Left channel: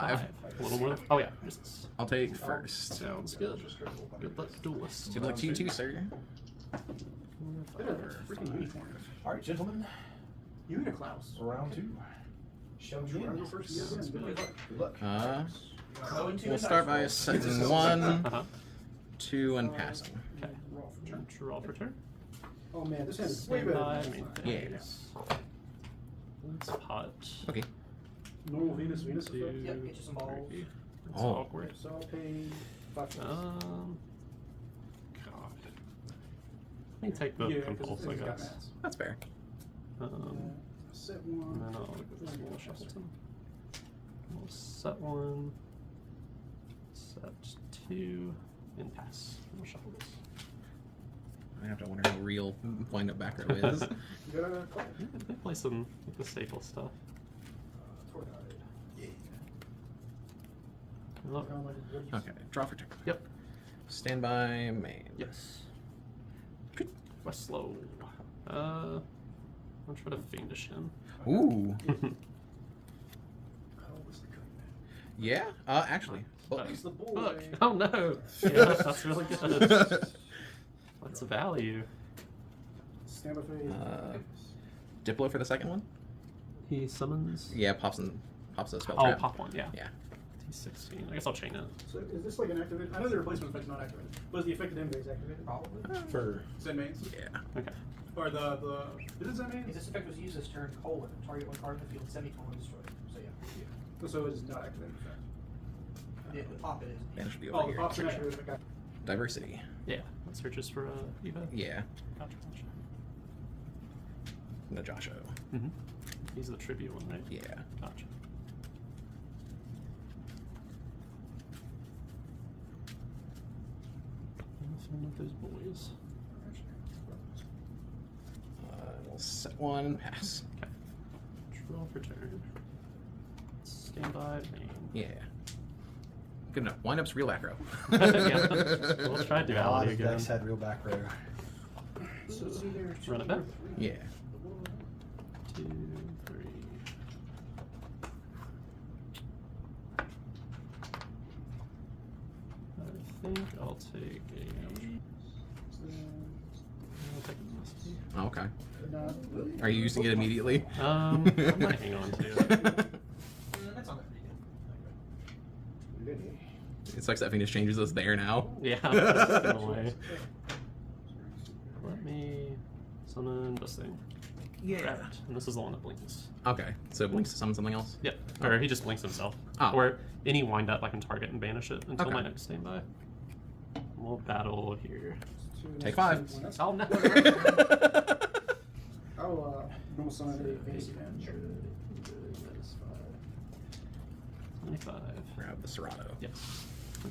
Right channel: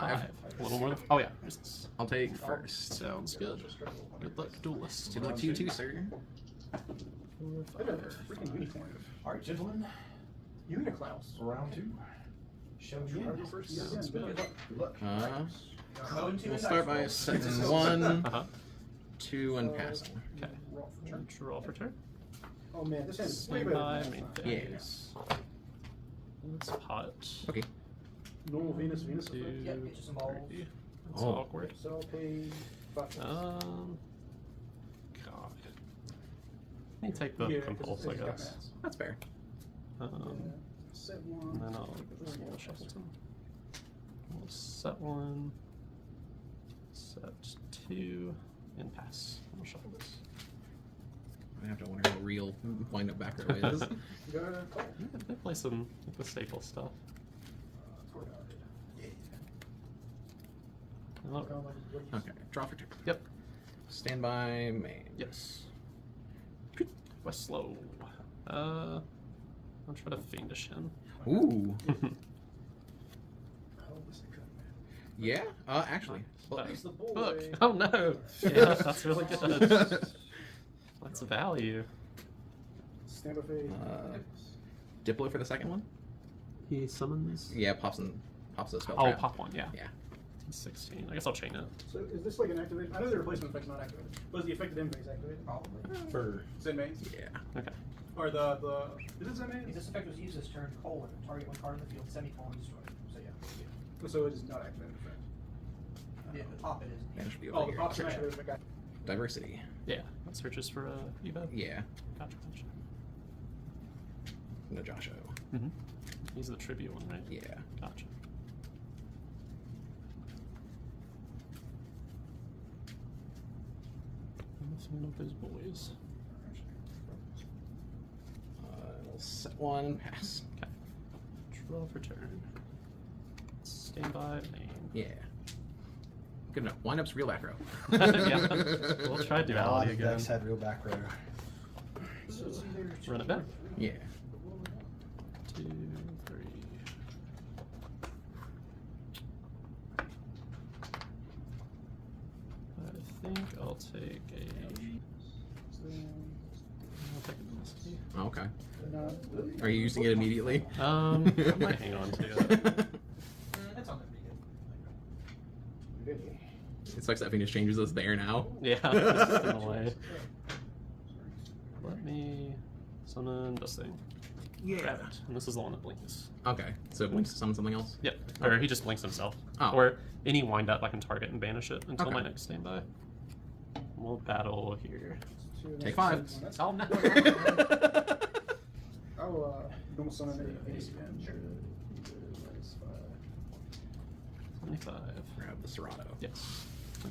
5. A little more. Oh yeah. Resist. I'll take first. Sounds good. Good luck, duelist. Good luck to you too, sir. Freaking uniform. All right, gentlemen. Uniklaus. Round 2. Show me Round first again. Good luck. We'll start by setting 1, 2, and passing. Okay. Draw for turn. Oh man, this hand is way better. Standby, than main Yeah. phase. Let's pot. Okay. normal Venus effect. 2, Yep, get you some balls. 3. That's Oh. awkward. So I'll pay 5. God. Let me take the Yeah, 'cause compulse, I it's got guess. mats. That's fair. Set And one. then I'll just roll Shuffleton. We'll set 1, set 2, and pass. We'll shuffle this. I have to wonder what real wind up back row is. Good. Yeah, they play some with the staple stuff. Oh, Okay, draw for turn. yep. Standby main. Yes. West slow. I'll try to fiendish him. Ooh. Yeah. Actually. Book. It's the boy. Book. Oh no. Yeah, that's really good. What's the value? Stand by phase. Diplo for the second one. He summons. Yeah, pops the spell Oh, trap. pop one. Yeah. Yeah. 16. I guess I'll chain it. So is this like an activated? I know the replacement effect's not activated. But is the effective end phase activated? Probably. For Zen mains? Yeah. Okay. Or the is it Zen If mains? this effect was used this turn, colon, target one card in the field, semicolon destroyed. So yeah. So it is not activated effect. The pop it is. That should be Oh, over the here. pop's an activated effect. Diversity. Yeah. It searches for Evo. Yeah. Gotcha. Gotcha. The Joshua. Mm-hmm. He's the tribute one, right? Yeah. Gotcha. What's one of those boys? We'll set 1, pass. Okay. Draw for turn. Standby. Main. Yeah. Good enough. Wind up's real back row. Yeah. We'll try a lot duality of again. decks had real back row. So, run it back. Yeah. 2, 3. I think I'll take a. I'll take a Misty. Okay. Not Are you using it immediately? I might hang on to it. That's on pretty good. It sucks that Venus changes us there now. Yeah, that's in a way. Let me summon this thing. Grab it. And this is the one that blinks. Okay. So it blinks to summon something else? Yep. Or he just blinks himself. Oh. Or any wind up I can target and banish it until Okay. my next standby. We'll battle here. Take 5. Oh no! I'll normal summon a Venus event. 25. Grab the Serato. Yes.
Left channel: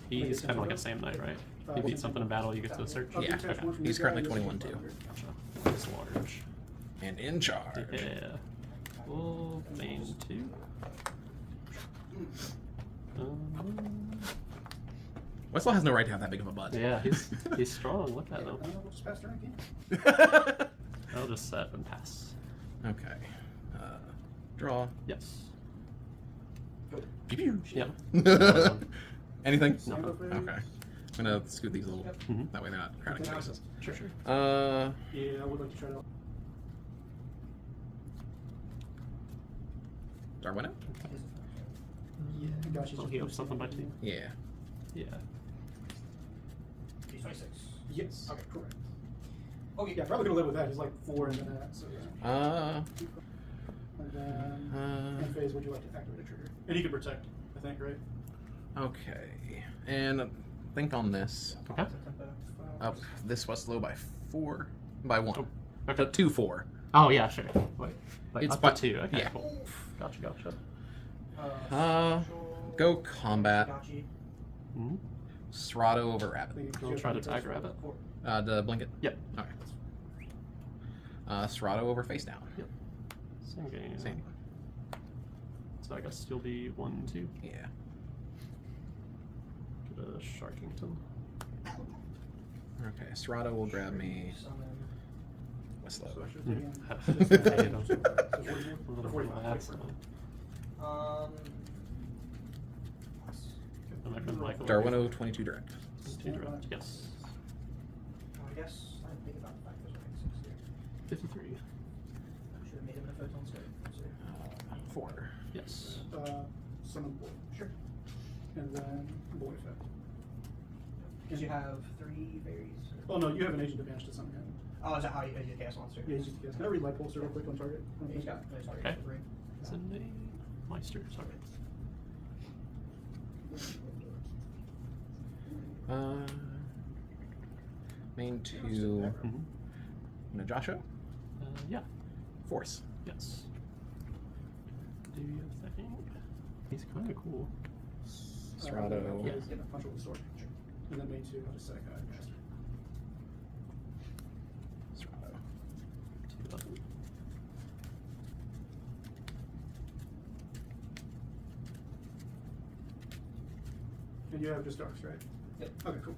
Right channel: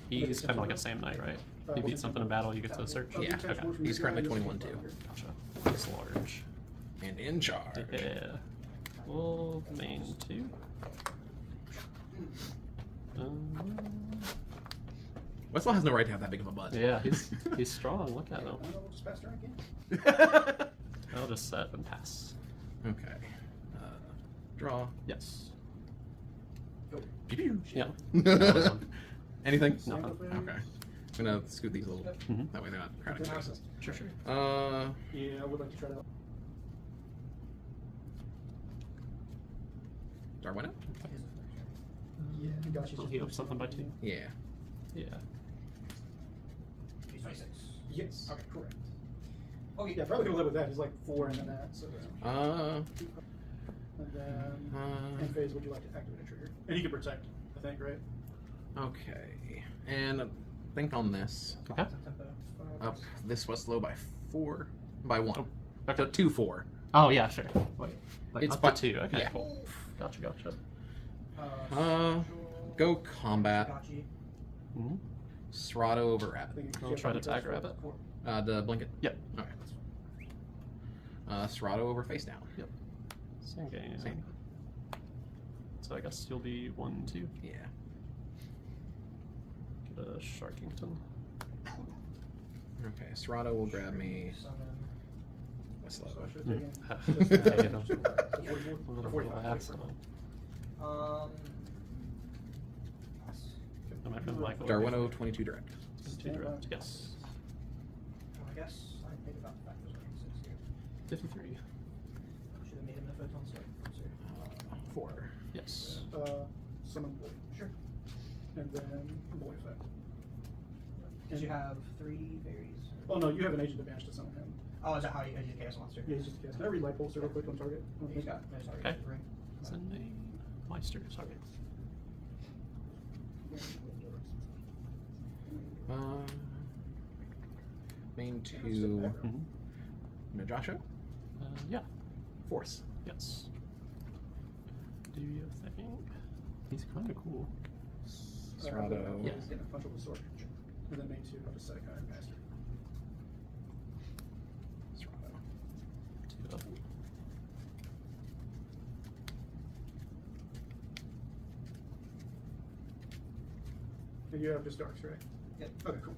He's kind of like a Sam Knight, right? You beat something in battle, you get to search. Yeah. Okay. He's currently 21 too. Gotcha. That's large. And in charge. Yeah. Full main 2. Westlaw has no right to have that big of a butt. Yeah, he's strong. Look at him. We'll just pass turn again. I'll just set and pass. Okay. Draw. Yes. Pew Yeah. pew. Anything? No. Okay. I'm gonna scoot these a little. Mhm. That way they're not crowding spaces. Sure. Yeah, I would like to try to. Darwin it? Yeah, gotcha. I'll heal something by 2. Yeah. Yeah. 26. Yes. Okay, correct. Okay. Yeah, probably gonna live with that. He's like 4 into that, so yeah. And then in phase, would you like to activate a trigger? And he can protect, I think, right? Okay. And think on this. Okay. Up this was low by 4. By 1. Oh, Okay. 2, 4. Oh yeah, sure. Wait. It's Up by- to 2. Okay, yeah. cool. Gotcha. Go combat. Mm-hmm. Serato over rabbit. I'll try to tag rabbit. The blanket? Yep. Okay. Serato over face down. Yep. Same game. Same. So I guess you'll be 1, 2. Yeah. Get a Sharkington. Okay. Serato will grab me. Westlow. A little relaxed. Michael. Darwino 22 direct. 22 direct, yes. I guess I didn't think about the fact there's only 6 here. 53. Should have made him the photon state. 4. Yes. Summon Boy. Sure. And then Boy effect. Because you have 3 fairies. Oh no, you have an agent advantage to summon him. Oh, is that how you cast monster? Yeah, he's just yes. Can I read light pulse real quick on target? He's got no target. Okay. Ring. Sending Meister, sorry. Main 2. Mm-hmm. No, Joshua? Yeah, Force. yes. Do you think? He's kind of cool. Serrato. Yeah, he's getting a punch with a sword. And then main 2, I'll just set a guy master. Serrato. 2 level. And you have just darks, right? Yep. Okay, cool.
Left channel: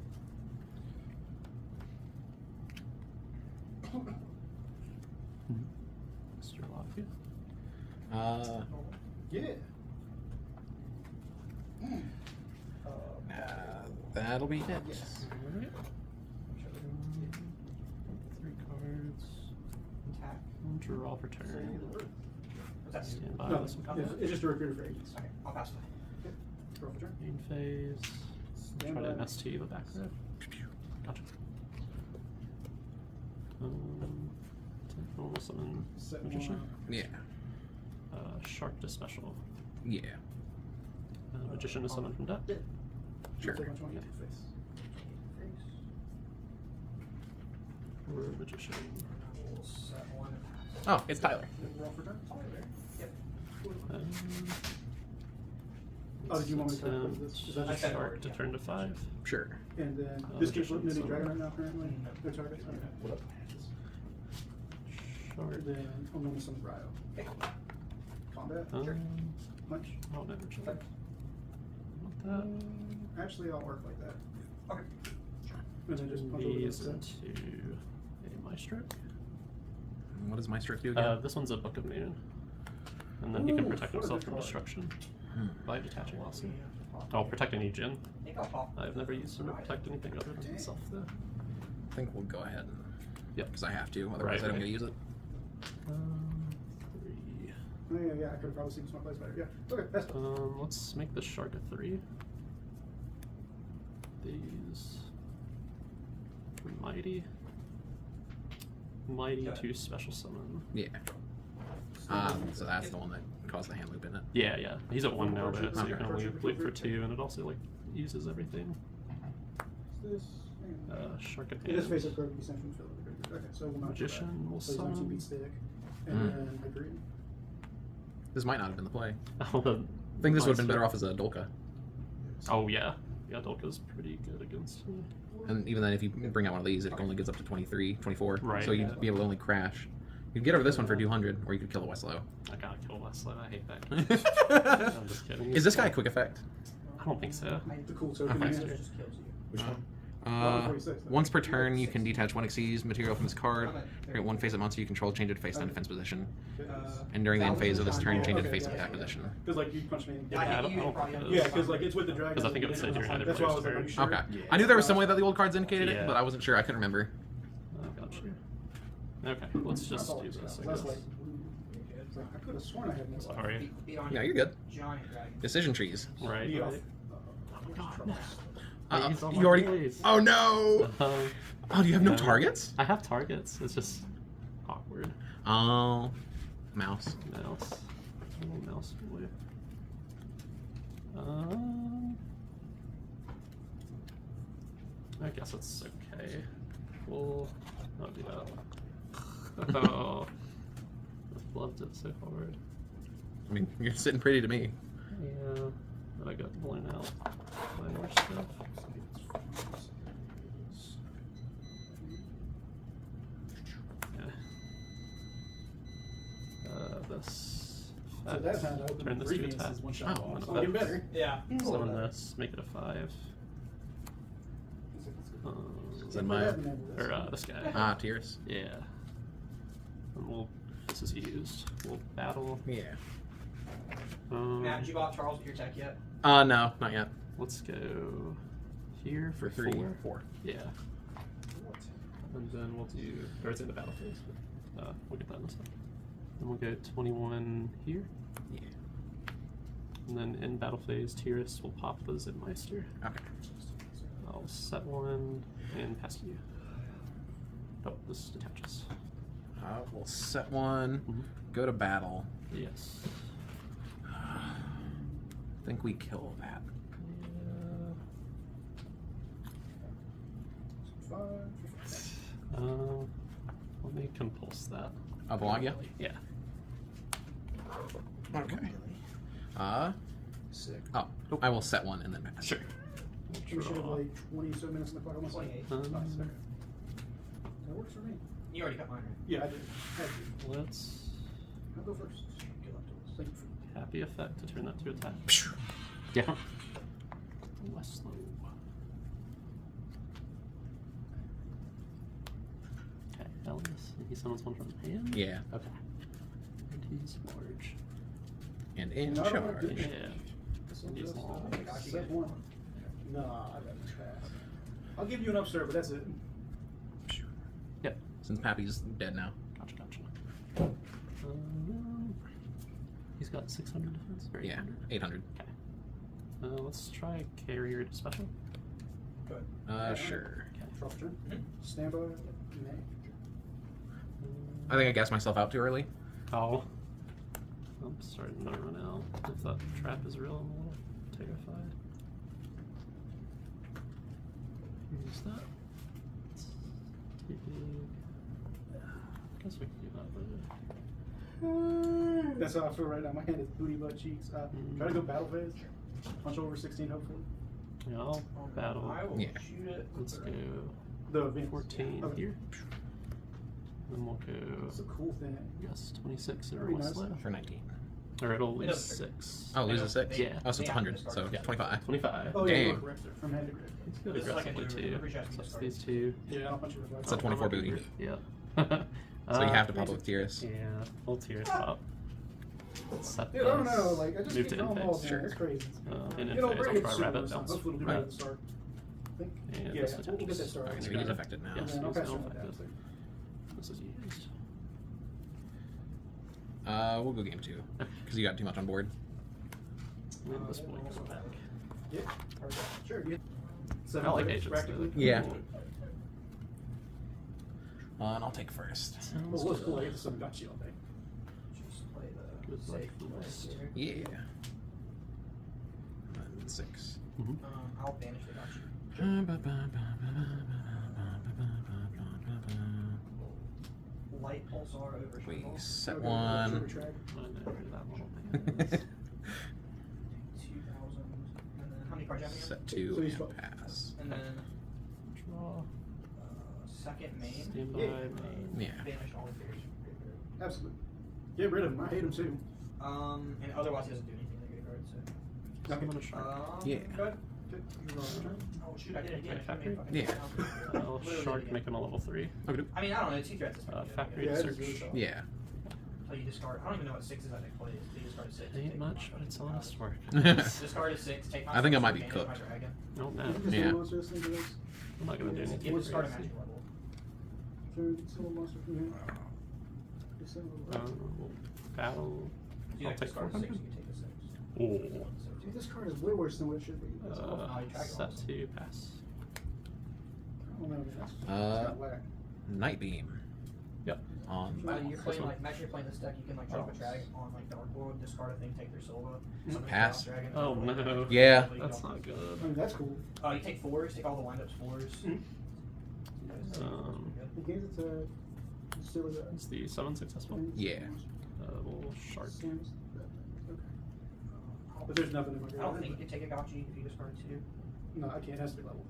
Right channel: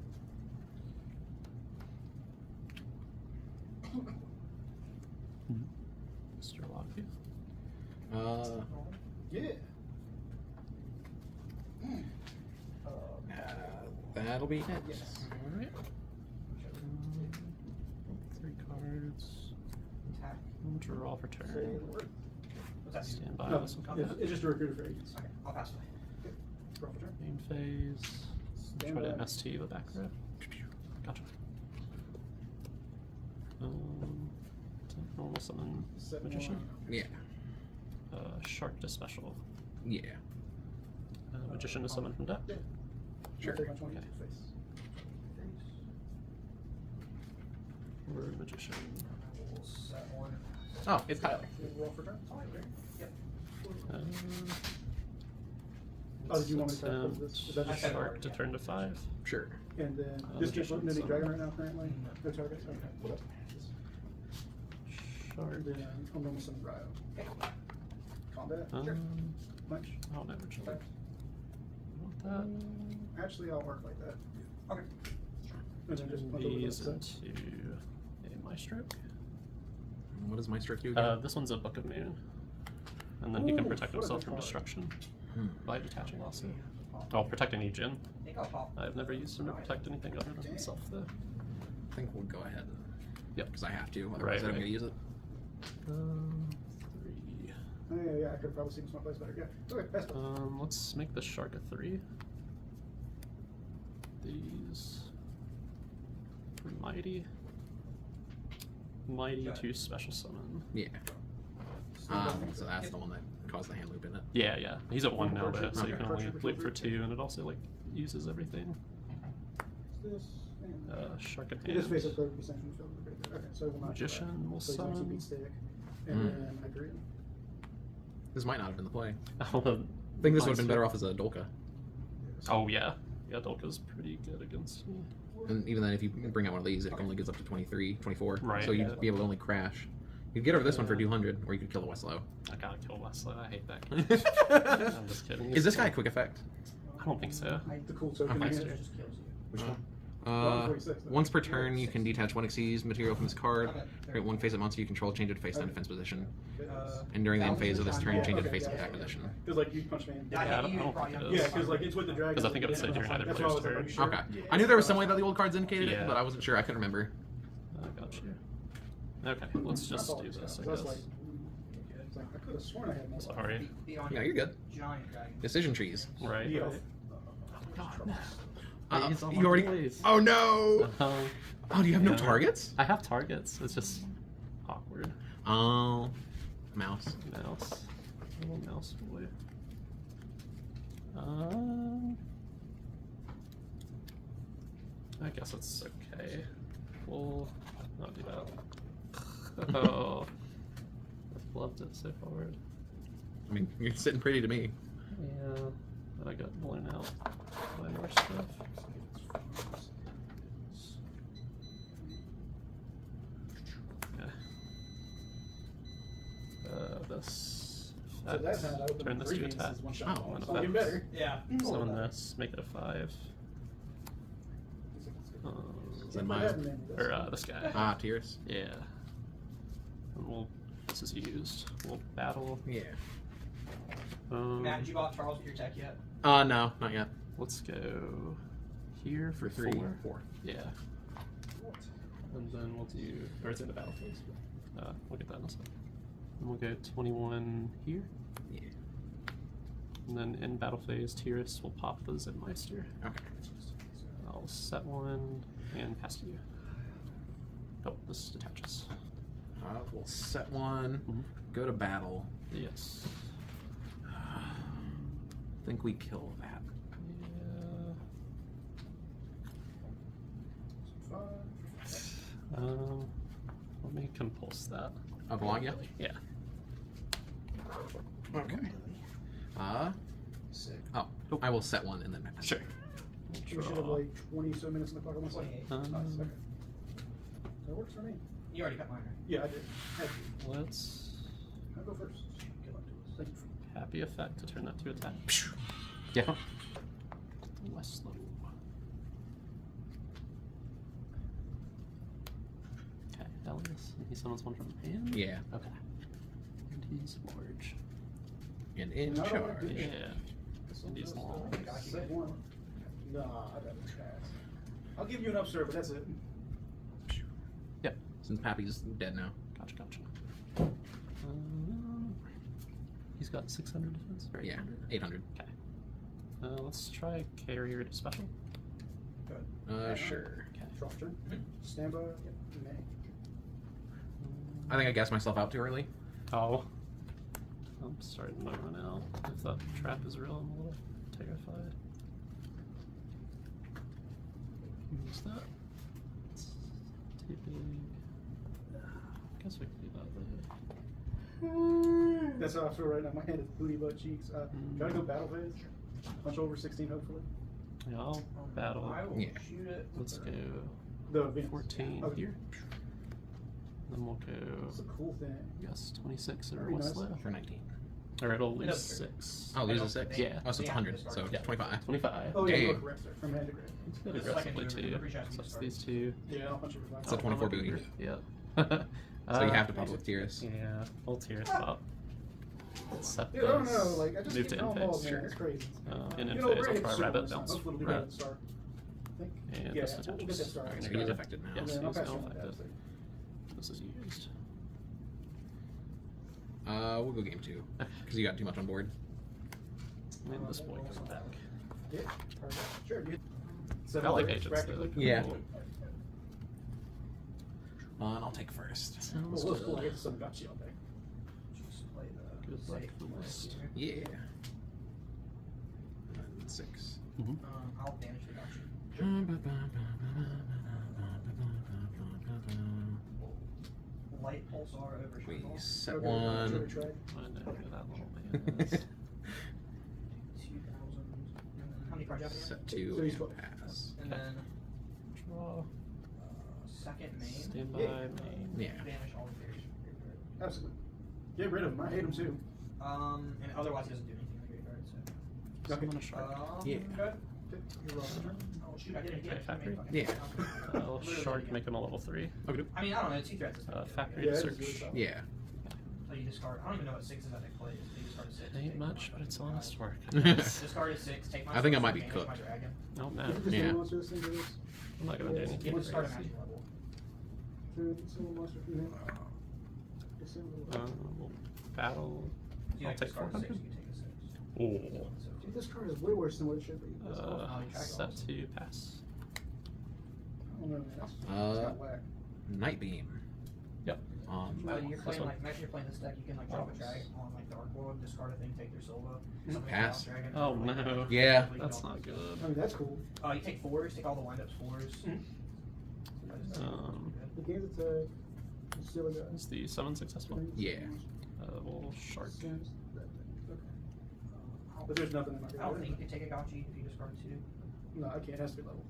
Mr. Lofty. Yeah. That'll be it. Yes. Alright. 3 cards. Attack. Draw for turn. What's that? Stand by No, this one. it's just a recruiter for agents. Okay, I'll pass it. Draw for turn. Main phase. Stand Try to by. MST the back row. Gotcha. Normal summon Set Magician. one. Yeah. Shark to special. Yeah. Magician to summon from deck. Yeah. Sure. Take on 20 face. Or Magician. We'll set 1. Oh, it's Tyler. Roll for turn. Yep. Oh, did you want me to set cut down this? Is that just Okay. Shark to turn to 5. Sure. And then Oh, just keep Magician, looking at any so- dragon right now currently? No targets? Okay. What up? Shark. And then I'm going to some Ryo. Combat. Punch. Oh, never check. Okay. Actually, I'll work like that. Okay. And then just punch over These the into a Maestro. What does my strike do again? This one's a Book of Noon. And then he can Ooh, protect for himself the from card. destruction Hmm. by detaching also. I'll protect any Jin. I think I'll pop. I've never used him to protect anything other than himself though. I think we'll go ahead. Yep. Because I have to, otherwise Right, I don't right. get to use it. 3. Oh, yeah, I could have probably seen smart plays better. Yeah. Okay, that's Let's make the Shark a 3. These Mighty Yeah. to special summon. Yeah. So that's the one that caused the hand loop in it. Yeah, yeah. He's at 1 now, though, so you can only Archer, loop for Archer. 2, and it also like uses everything. this. Shark at It is face up hand. card will be sent from the field. Okay, so we'll not do Magician that. will So he's on summon. TP stick. And Mm. then Hyperion. This might not have been the play. Oh, the I think this would have been Meister. better off as a Dolka. Oh yeah, yeah. Dolka's pretty good against me. And even then, if you bring out one of these, it only gets up to 23, 24. Right. So you'd be able to only crash. You'd get over this one for 200, or you could kill the Westlow. I gotta kill Westlow. I hate that. I'm just kidding. Is this guy a quick effect? I don't think so. The cool token he Meister. has. Just kills you. Which one? 146, no? Once per turn, you can detach one Xyz material from this card. Create one face of monster you control, change it to face down defense position. And during the end phase of this turn, change it to face Okay, attack yeah. position. Because like you punch me in. Yeah, I don't you think probably it don't- is. Yeah, because like it's with the dragon. 'Cause I think it would say during either That's why I was like, player's are you sure? Okay. Yeah. I knew there was some way that the old cards indicated Yeah. it, but I wasn't sure. I couldn't remember. I got you. Okay, let's just do this. I That's guess. like, it's like, I could have sworn I had more. Sorry. Beat on Yeah, your you're good. Giant dragon. Decision trees. Right. Yeah. right. God, no. Please, You already. please. Oh no! Oh, do you have no Yeah. targets? I have targets. It's just awkward. Oh, mouse. Mouse. Little mouse boy. I guess it's okay. We'll not do that. Oh, I've loved it so hard. I mean, you're sitting pretty to me. Yeah, but I got blown out by other stuff. Yeah. This. So that time I opened Turn the this to previous attack. is one shot. Oh, It's even better. Yeah. Summon this, make it a 5. Then my Or this guy. Tears. Yeah. And we'll. This is used. We'll battle. Yeah. Matt, did you go out Charles with your tech yet? No, not yet. Let's go here For 3, 4. 4. Yeah. And then we'll do, or it's in the battle phase, but we'll get that in a second. Then we'll go 21 here. Yeah. And then in battle phase, Tyrus will pop the Zenmeister. Okay. I'll set 1 and pass to you. Oh, this detaches. We'll set 1, go to battle. Yes. I think we kill that. Let me compulse that. Belong, yeah? Yeah. Okay. Sick. Oh, I will set 1 and then pass. Sure. We should have like 20 so minutes on the clock on my side. 28. Nice, okay. That works for me. You already got mine, right? Yeah, I did. Had to. Let's I'll go first. Thank you for happy effect to turn that to attack. Yeah. Less slow. Okay, Elias. He summons 1 from his hand? Yeah. Okay. And he's large. And in No, I don't wanna charge. do Yeah. this. And he's long. Set 1. Nah, I bet much half. I'll give you an upstart, but that's it. Yep. Since Pappy's dead now. Gotcha. He's got 600 defense. Or Yeah, 800? 800. Okay. Let's try carrier to special. Good. Sure. Okay. Draw turn. Stand by. May. I think I gassed myself out too early. Oh. I'm starting to run out. If that trap is real, I'm a little terrified. Use that. It's too big. Guess we can do that later. That's how I feel right now. My hand is booty butt cheeks. Try to go battle phase. Punch over 16, hopefully. Yeah, I'll battle. I will Yeah. shoot it. Let's go The Venus. 14 Okay. here. Then we'll go, It's a cool thing. yes, 26 or Very nice. Westlaw. For 19. Or it'll It lose doesn't 6. Oh, lose a 6? Yeah. Oh, so it's 100. So Yeah. 25. 25. Oh, yeah, you Dang. look correct there. From hand to grip. It's good This is like a aggressively new too. every shot So you that's start. these 2. Yeah, I'll punch you for 5. It's a 24 booty. Yeah. So you have to pop with Tyrus. Yeah, full Tyrus pop. Let's set Dude, I don't those. know. Like, I just Move keep to throwing in balls, phase. man. It's crazy. In You phase, know, I'll we're try gonna get rabbit super bounce. Hopefully we'll do better at the start. I think. And Yeah, this we'll get that attaches. started. Okay, so he is affected now. Yes, And then I'll he's pass now you on that. affected. This is used. We'll go game 2. Because you got too much on board. And this boy goes back. Yeah. Sure. I like agents. practically. Yeah. And I'll take first. Sounds Well, what's cool, I good. get some got you on there. Just play the Good luck safe for list most. here. Yeah. And 6. I'll banish the got you. Light pulsar over We Shingle. set Okay, 1. sure, try. I know who that little man is. 2,000. And then how many cards do you have again? Set So 2 he's and fine. pass. And then Draw. second main. Stand by Yeah. main. Yeah. Banish all the theories. Absolutely. Get rid of them. I hate them too. And otherwise it doesn't do anything like graveyard, so. Summon a shark. Yeah. Good. Oh shoot, I did it again. Okay, factory? Yeah. Shark, make him a level 3. Okay. I mean, I don't know, 2 threats is fine. Factory Yeah, it's search. really tough. Yeah. So you discard, I don't even know what 6 is at next play. So you discard 6. Ain't much, but it's honest work. Discard a 6, take my I think I six, might be banish cooked. my dragon. Oh You man, can just Yeah. do monsters, things like this. I'm not gonna do anything. You have to discard a magic level. Through single monster from him. Disassemble. Battle. So you I'll like take discard a 6, 400. you can take a 6. Oh. Dude, this card is way worse than what it should be. Set to pass. I don't know, man. That's Uh, kind of whack. Night Beam. Yep. You're playing one. like, imagine you're playing this deck, you can like drop a drag on like Darkwood, discard a thing, take their Silva. summon a Pass. Chaos Dragon, Oh, summon a no. Dragon, Yeah. so you That's don't- not good. I mean, that's cool. You take 4s, take all the windups 4s. The game's it's a still the Is the summon successful? Yeah. We'll shark. But there's nothing in my I don't graveyard. think you can take a Gotchi if you discard 2. No, I can't. It has to be level.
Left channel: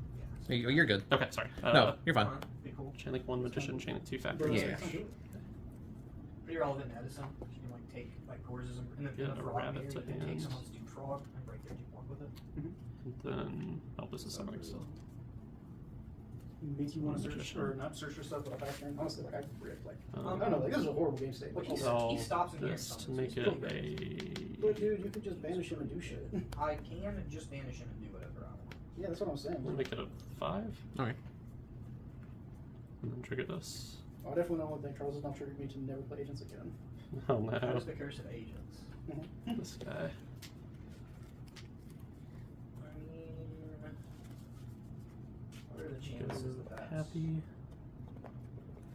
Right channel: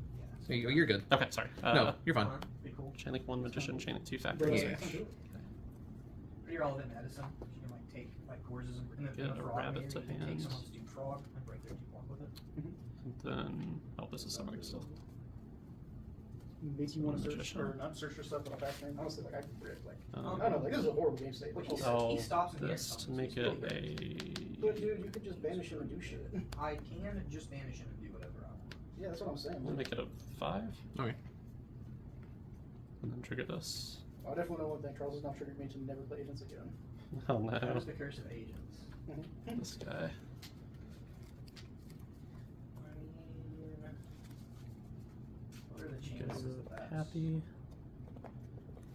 You're good. Okay, sorry. No, you're fine. Pretty cool. Chain link 1 magician, chain link 2 Bro, factory. Yeah. Pretty relevant in Edison. You can like take like courses and Get the a frog rabbit here, to you can take hand. someone's Duke Frog and break their Duke Walk with it. And then, oh, this is summoning still. Makes you want to search Magician. or not search yourself without factoring. Honestly, like I can predict. Like I Um, don't know. Like this is a horrible game state. Like Like, I'll he stops and he this to summons. make It's it pretty good. but a. dude, you could just banish him and do shit. I can just banish him and do whatever. Yeah, that's what I'm saying. We'll make it a 5. Okay. And then trigger this. I definitely know one thing. Charles has not triggered me to never play agents again. Oh no. That is the curse of agents. This guy. I mean, what are the Go chances of that?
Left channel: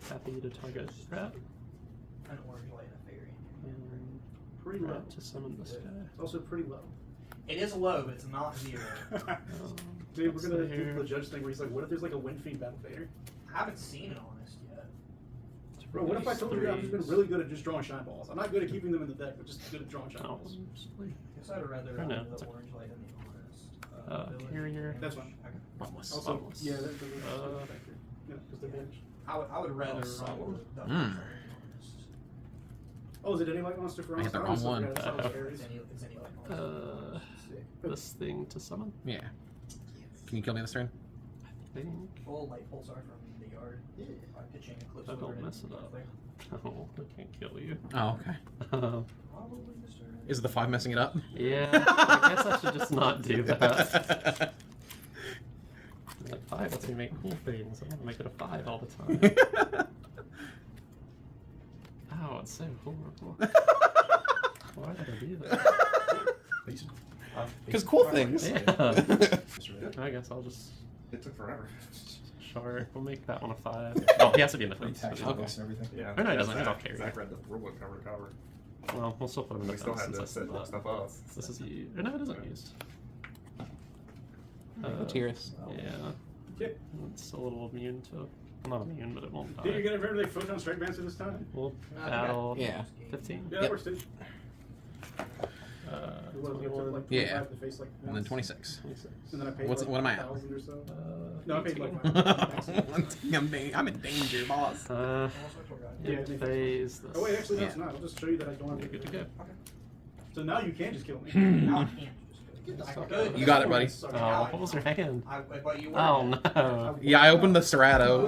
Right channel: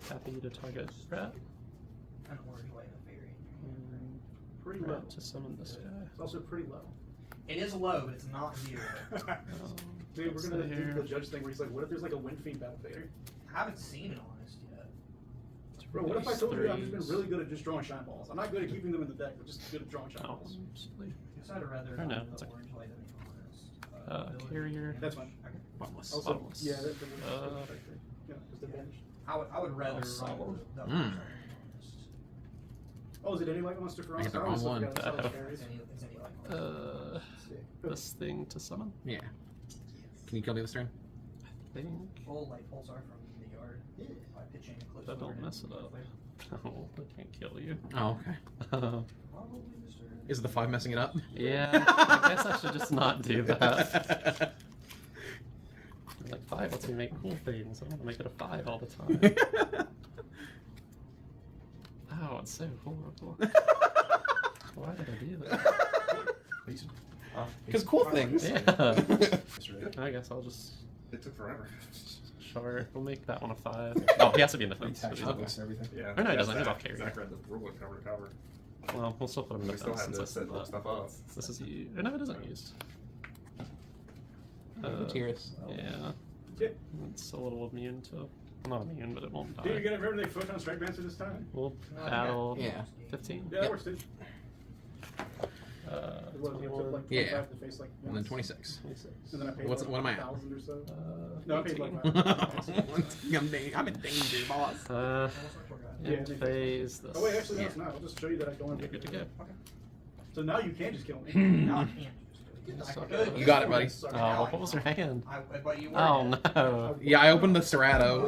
Happy to target that. An orange light and a fairy. And Pretty low. to summon this guy. It's also pretty low. It is low, but it's not 0. Dude, we're gonna that's do there. the judge thing where he's like, what if there's like a wind fiend battle fader? I haven't seen it honest yet. Bro, what if I told you I've just been Threes. really good at just drawing shine balls? I'm not good at keeping them in the deck, but just good at drawing shine Oh, balls. absolutely. Guess I'd rather Oh, no, have it's the okay. orange light than the honest. Ability. Carrier. That's fine. Okay. Bottomless. Also, Bottomless. yeah, that's the Uh, yeah, because they're banished. I would rather solid. run the Mm. honest. Oh, is it any light monster for I hit us? the always wrong forgot it's one. always fairies. It's any like monster. Sick. This thing to summon. Yeah. Can you kill me this turn? I think. Full light pulsar from the yard. By pitching a close. That don't order mess it into up. play. Oh, I can't kill you. Oh, okay. Probably Mr. Is the 5 messing it up? Yeah, I guess I should just not do that. Like 5 lets me make cool things. I'm gonna make it a 5 all the time. Oh, it's so horrible. Why did I do that? Because cool things. Yeah. I guess I'll just. It took forever. Sure, we'll make that one a 5. Oh, he has to be in the fence. Actually, Okay. books and everything. Yeah. Oh, no, it yeah, doesn't. He's Zach, off carry. Zach read the rulebook cover to cover. Well, we'll still put him in We the still fence had to since set that's stuff up. This is you. No, it isn't used. Tyrus. Yeah. Okay. It's a little immune to. Not immune, but it won't Dude, you're die. gonna very like photon strike bounce this time? We'll No, I battle Yeah. 15. Yeah, that works, dude. What, I took 21. like 25 Yeah. to face like And then once, 26. 26. And then I paid What's- like what am I at? 1,000 or so. Uh, No, I paid like 18. I'm in danger, boss. Almost went for a guy. Yeah, End it phase this. Oh wait, actually no, it's not. I'll just show you that I don't have You're good to go. So now you can just kill me. Now I can't just Suck. do it. You got it, buddy. Oh, what was your hand? But you were. Oh no. Yeah, I opened the Serato.